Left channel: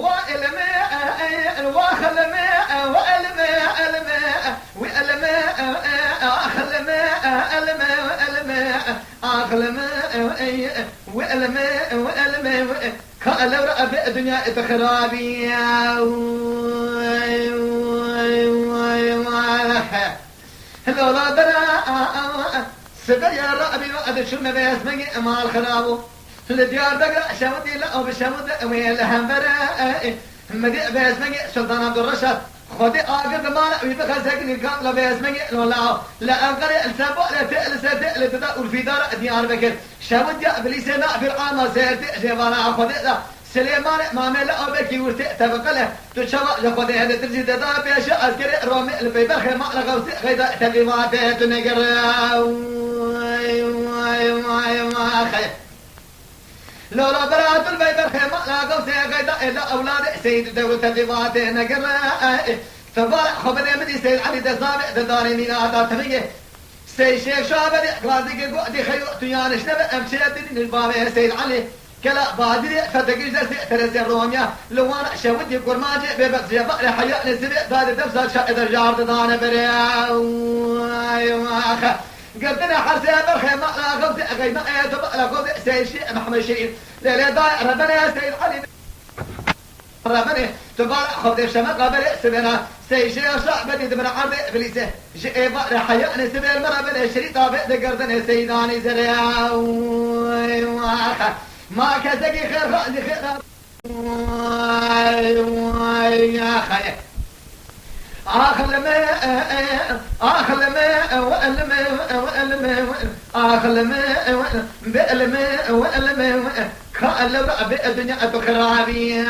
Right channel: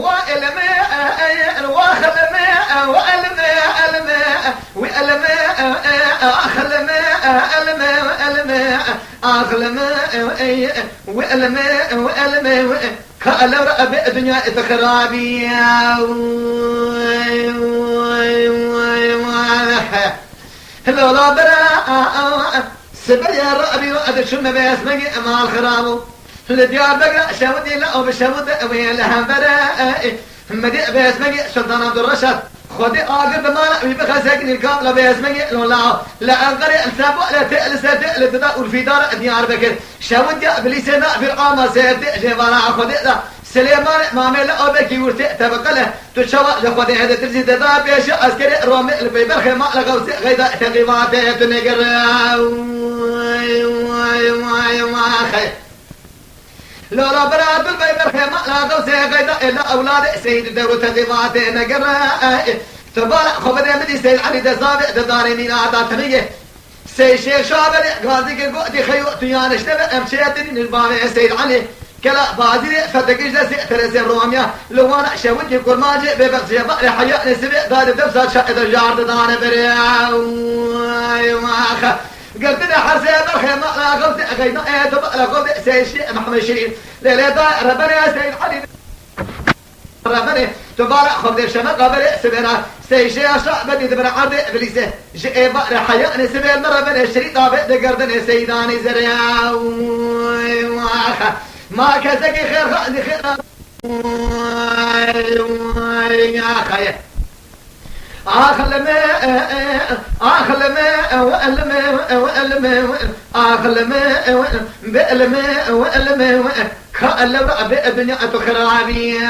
والماء واخل ماء والماء الماء والماء اخل ماء الماء الماء اخل ماء والماء والماء قال رب الدنيا تخرابي لولا برا سبل يا ربي وقد شم باسمك مع الخراب لديار بقرا شودي لا وبشود ويلها برا مدي باسمك سلطان عبد الرشيد خدي اقرب مال بخسكني الكامله باسمك لولا لا انقري السابو لا تألس تألف في دار ديار بكر شود يا ابليس ما في القامه سيرتي جبانا خدي سليمان مامل أبكي ورث تبقله تشوا لخدي هذا ترزي ددا بيش عسكري رومي البيبر خيمة لغوص غيدا تقيمات تنقر خير لولا براد البيبر خيمة لغوص غيدا إلا أولاد سيد دور تقيمات نقر تبارك خبر مدي سيد علي دزابع دداري ميلاد تغيه سيد شيخ شابل غازي قدي خيو تيانش نبأ أمشيتين البابي سيد علي كلا بادري فتقيش لسي ترسي روميا لو انا شودي كرماجي ببغزي بقري حياء نسبي داد دبسات شاهد الجارد دانا بريا قلتنا حرسي برخي ما لا غوزي غيما ايدو بقلا غوزي سيشي محمد شريف ليلي دا ربنا سيد حديد ربنا تبارك خبز الشمال قبل سبنا سيشي اشرع بدي دبر عرض ابليسه جئ بقري حياء نسبي المربنا الشريف طابق دقردن سيداني زريا ما كزكي خير خالي خير يا خير آخل ماء آخل ماء والماء والماء آخل ماء بالماء والماء كأن رب الدنيا تخرابي